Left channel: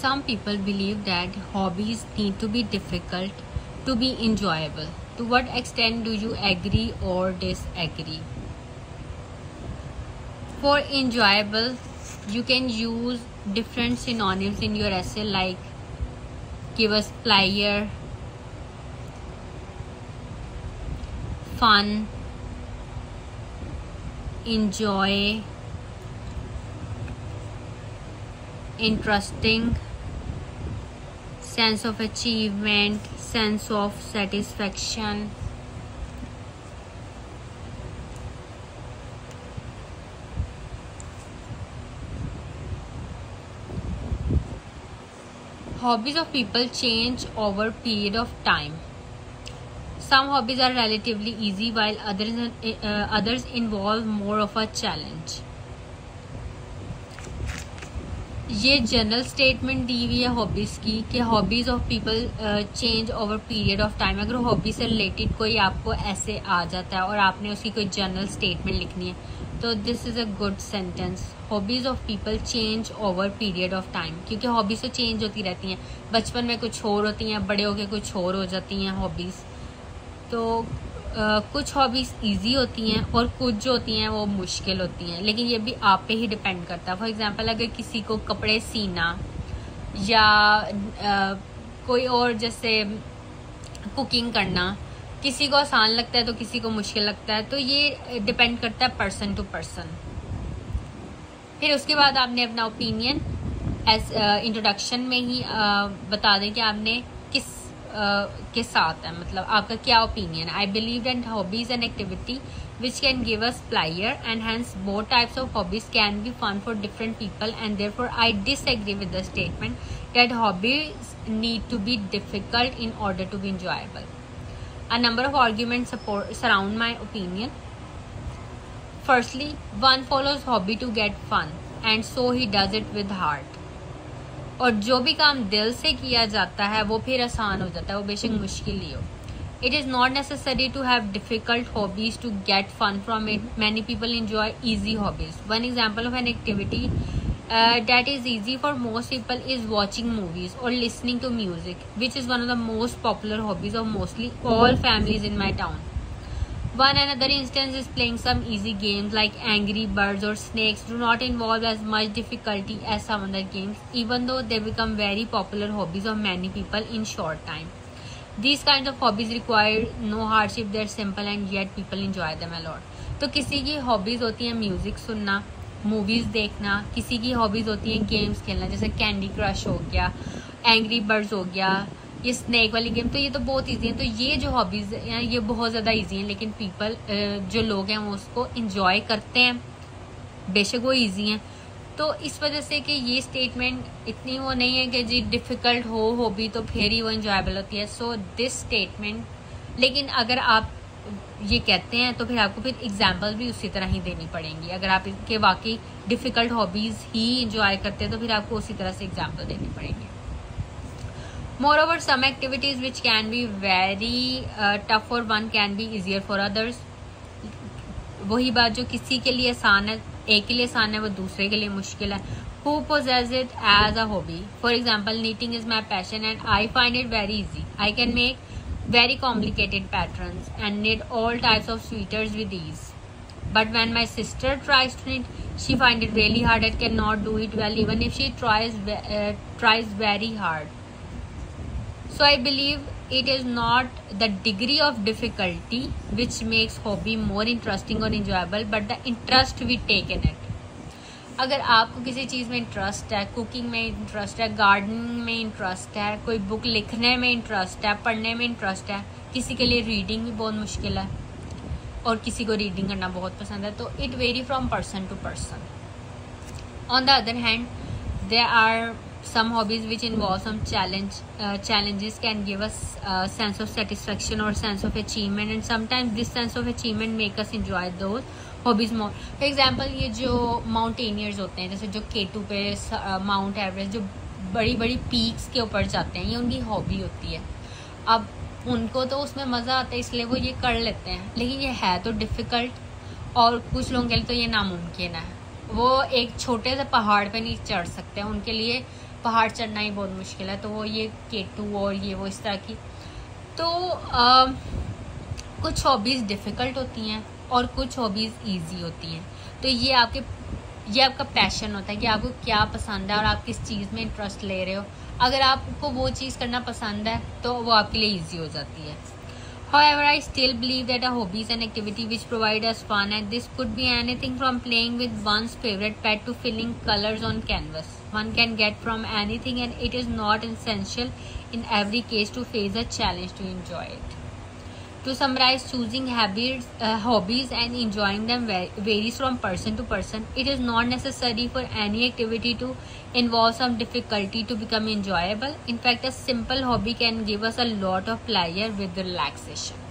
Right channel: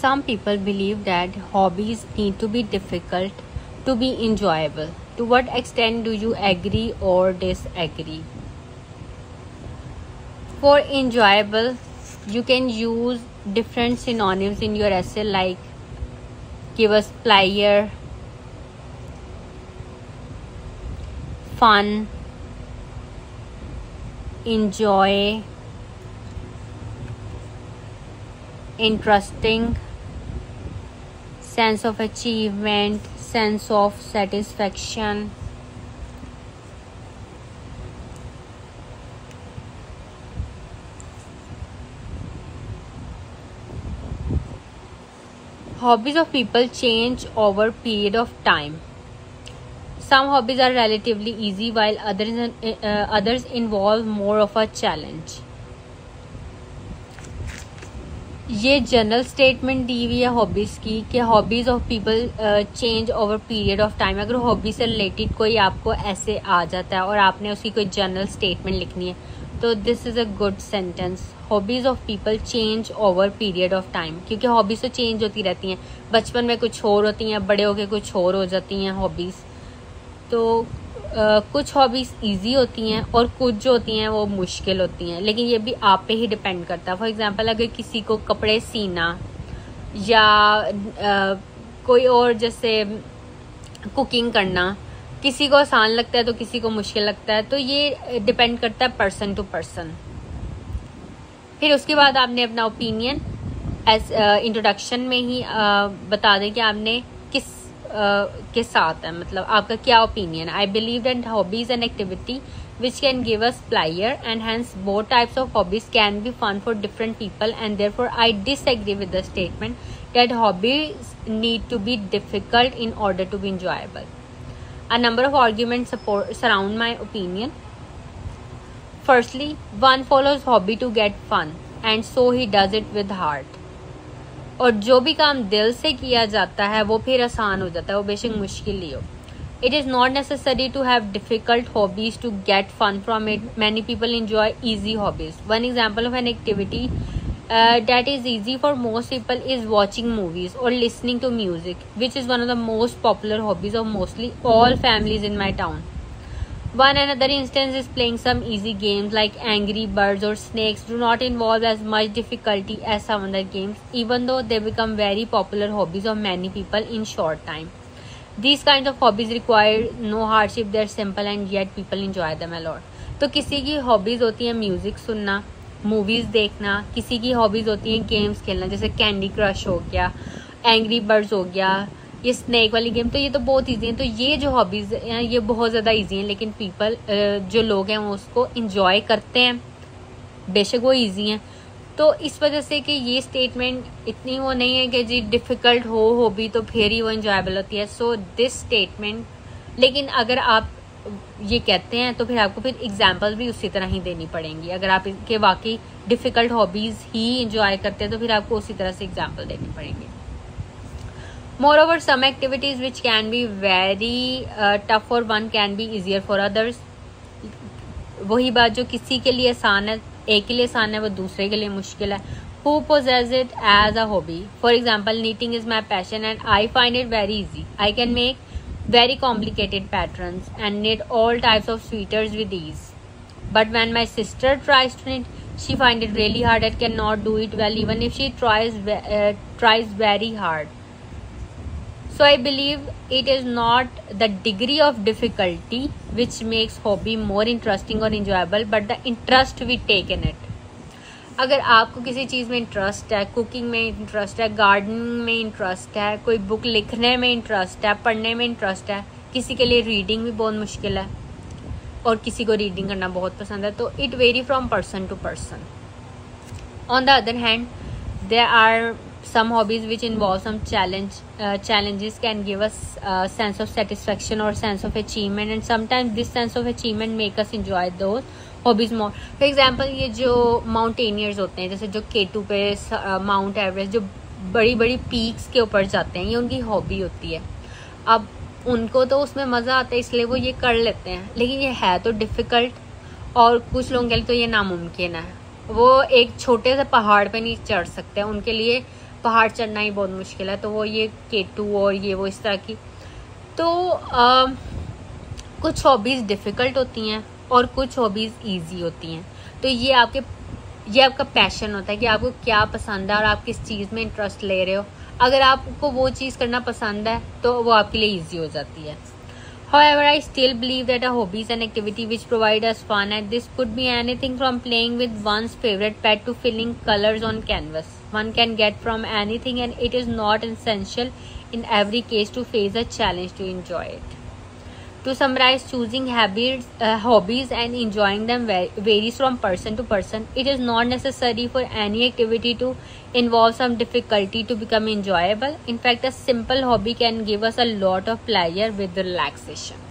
Some people believe that hobbies need to be difficult to be enjoyable. To what extent do you agree or disagree? For enjoyable, you can use different synonyms in your essay, like give us pleasure, fun, enjoy, interesting, sense of achievement, sense of satisfaction. Hobbies of people change over period of time. Some hobbies are relatively easy while others involve more of a challenge. ये general statement दी हुई है hobbies की कि hobbies of people change over period of time. अगर hobby से related कोई आपको ऐसे आ जाता है और आपने उसकी कोई जनरल स्टेटमेंट लिखनी है, तो this is a good sentence. Hobbies of people change over period of time, क्योंकि हॉबीज तो चेंज होती रहती हैं. बचपन में कुछ और होती हैं, बड़े होके कुछ और हो जाती हैं हॉबीज. तो कुछ हॉबीज इजी होती हैं और कुछ जो होती हैं वो मुश्किल होती हैं, लेकिन ये भी आप पे ही डिपेंड करता है. फॉर एग्जांपल, अगर किसी को कपड़े सीना या कोई और जैसे कुकिंग करना किसी को आसान लगता है तो किसी को मुश्किल लगता है, तो ये डिपेंड करता है पर्सन टू पर्सन. फिर उसके बाद आपने अपना ओपिनियन एज इंट्रोडक्शन में ही बता दें कि आपने किस के साथ है, मतलब आपका क्या opinion. I believe that hobbies and activity which can give us pleasure and hence both types of hobbies can be fun for different people and therefore I disagree with the statement that hobbies need to be difficult in order to be enjoyable. A number of arguments surround my opinion. Firstly, one follows hobby to get fun and so he does it with heart. और जो भी काम दिल से किया जाता है वो फिर आसान हो जाता है, वो बेशक मुश्किल ही हो. It is not necessary to have difficult hobbies to get fun from it. Many people enjoy easy hobbies. One example of an activity that is easy for most people is watching movies or listening to music, which is one of the most popular hobbies of mostly all families in my town. One another instance is playing some easy games like Angry Birds or Snakes do not involve as much difficulty as some other games, even though they become very popular hobbies of many people in short time. These kinds of hobbies require no hardship, they're simple and yet people enjoy them a lot. तो किसी की hobbies होती है music सुनना, movies देखना, किसी की hobbies होती है गेम्स खेलना, जैसे कैंडी क्रश हो गया, एंग्री बर्ड्स हो गया, ये स्नेक वाली गेम. तो ये तो बहुत इजी है. तो ये जो हॉबीज हैं ये बहुत ज्यादा इजी है, लेकिन पीपल जो लोग हैं वो उसको एंजॉय करते हैं, बेशक वो इजी हैं. तो इस वजह से कि ये स्टेटमेंट इतनी वो नहीं है कि जी डिफिकल्ट हो हॉबी तो फिर ही वो एंजॉयबल होती है. सो दिस स्टेटमेंट, लेकिन अगर आप ये कहते हैं तो फिर आपको फिर एग्जाम्पल भी उसी तरह ही देनी पड़ेंगी. अगर आप इनके वाकई डिफिकल्ट हॉबीज ही एंजॉय करते हैं तो फिर आपको उसी तरह से एग्जाम्पल देनी पड़ेंगी. Moreover, some activities which can be very tough for one can be easier for others. वही बात, जो किसी के लिए आसान है, एक के लिए आसान है, वो दूसरे के लिए मुश्किल है. Who possess it as a hobby? For example, knitting is my passion and I find it very easy. I can make very complicated patterns and knit all types of sweaters with ease. But when my sister tries to knit, she finds it really hard and cannot do it well even if she tries very hard. So I believe it is not the degree of difficulty which makes hobby more interesting or enjoyable, but the interest we take in it. अगर आपको किसी चीज में interest है, cooking में interest है, gardening में interest है, कोई बुक लिखने में इंटरेस्ट है, पढ़ने में इंटरेस्ट है, किसी के लिए रीडिंग भी बहुत मुश्किल है और किसी को रीडिंग करना बहुत पसंद है, तो it vary from person to person. On the other hand, there are some hobbies which involve some challenges can give us a sense of satisfaction or sense of achievement, and sometimes this sense of achievement make us enjoy those hobbies more. For example, ये जो mountaineers होते हैं, जैसे जो K2 पे mount Everest, जो बड़ी बड़ी पीक्स के ऊपर जाते हैं, ये उनकी हॉबी होती है. अब उनको तो उसमें मजा आता है इसलिए वो ये कर लेते हैं, लेकिन ये है तो डिफिकल्ट और कुछ लोगों के लिए तो ये नामुमकिन है. वो एक छोटे से पहाड़ पे नहीं चढ़ सकते, उनके लिए पहाड़ चढ़ना ही बहुत मुश्किल है, तो वो ये K2 और ये वो इस तरह की। तो कुछ हॉबीज डिफिकल्ट होती हैं और कुछ हॉबीज इजी होती हैं। तो ये आपका पैशन होता है कि आपको क्या पसंद है और आप किस चीज में इंटरेस्ट ले रहे हो। अगर आपको वो चीज करना पसंद है तो वो आपके लिए इजी हो जाती है। However, I still believe that a hobby is an activity which provides us fun, and this could be anything from playing with one's favorite pet to filling colors on canvas. One can get from anything, and it is not essential in every case to face a challenge to enjoy it. To summarize, choosing hobbies and enjoying them varies from person to person. It is not necessary for any activity to involve some difficulty to become enjoyable. In fact, a simple hobby can give us a lot of pleasure with relaxation.